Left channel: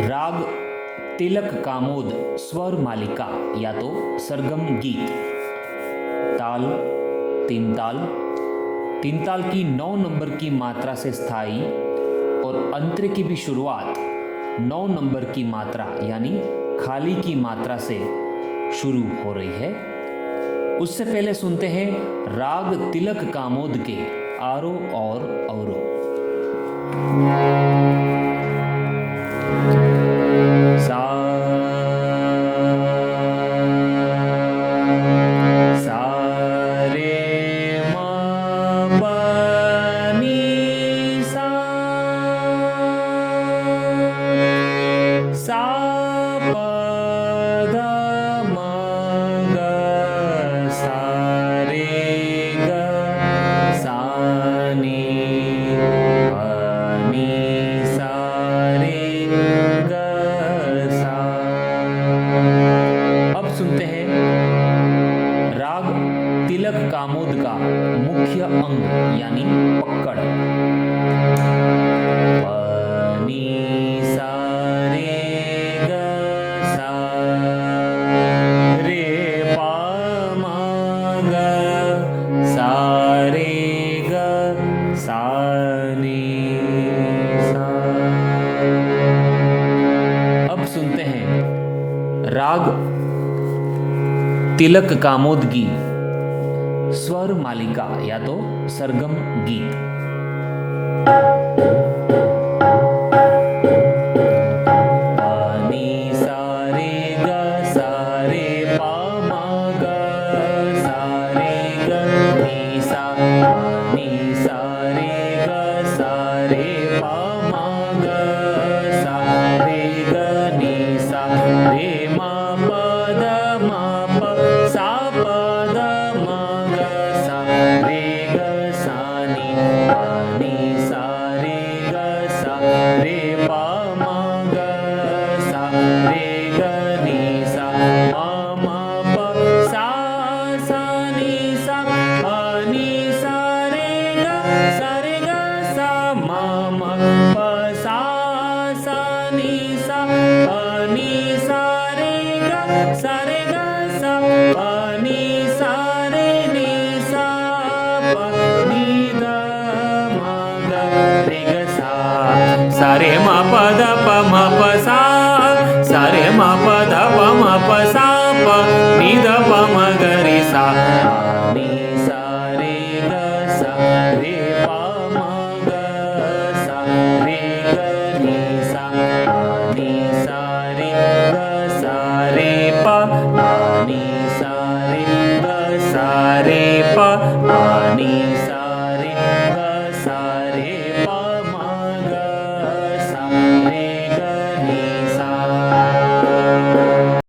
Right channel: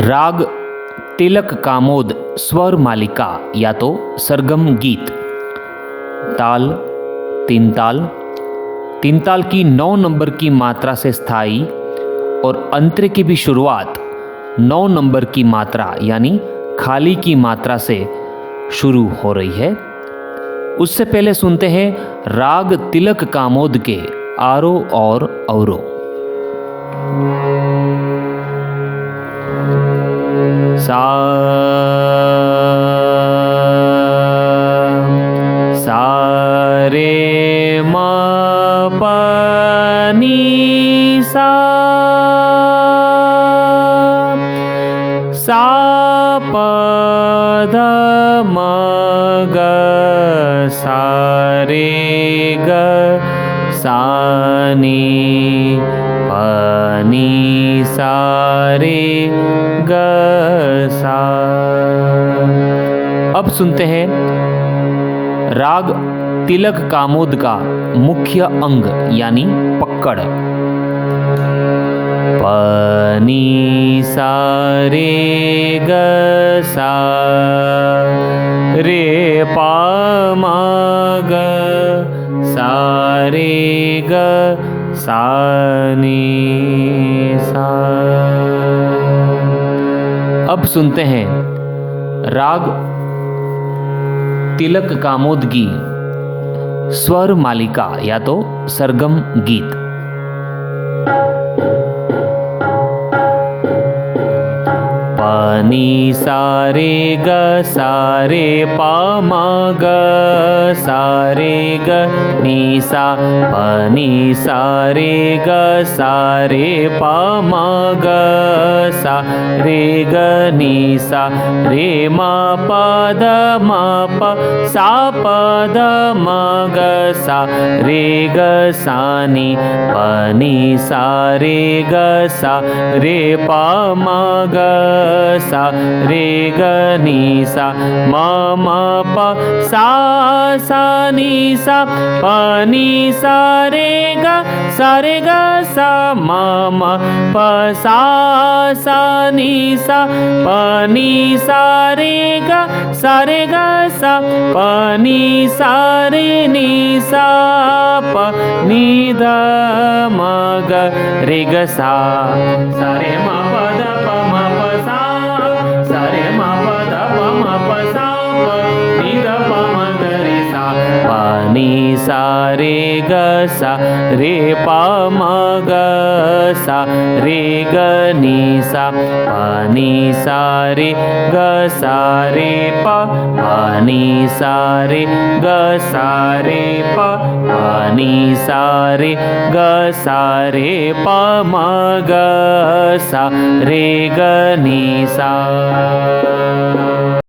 राग तिलक कामोद स्वर मालिका या तो सरगम गीत। ताल तीन ताल। तीन ताल की 9 नंबर की मात्रा से स्थाई और अंतरे की भी शुरुआत 9 नंबर की मात्रा यानी खाली की मात्रा से शुरू हो रही है। उससे पहले सुनते हैं राग तिलक कामोद के आरो और औरो। सा सा रे म प नी सा सा प ध म ग सा रे ग सा नी प नी सा रे ग सा। अब सुनते हैं राग तिलक कामोद का मुख्य अंग यानी पक्कड़। प नी सा रे ग सा रे प म ग सा रे ग सा नी सा। अब सुनते हैं राग तिलक कामोद की स्वर मालिका या तो सरगम गीत। प नी सा रे ग सा रे प म ग सा रे ग नी सा प नी सा रे ग सा रे प म ग सा रे ग नी सा रे म प द म प सा प द म ग सा रे ग सा नी प नी सा रे ग सा रे प म ग सा रे ग नी सा म म प सा सा नी सा प नी सा रे ग सा रे ग सा म म प सा सा नी सा प नी सा रे ग सा रे ग सा प नी सा रे नी सा प नी द म ग रे ग सा सा रे म प द प म प सा सा रे म प द प म प सा प नी द प म ग रे सा प नी सा रे ग सा रे प म ग सा रे ग नी सा प नी सा रे ग सा रे प नी सा रे ग सा रे प नी सा रे ग सा रे प म ग सा रे ग नी सा।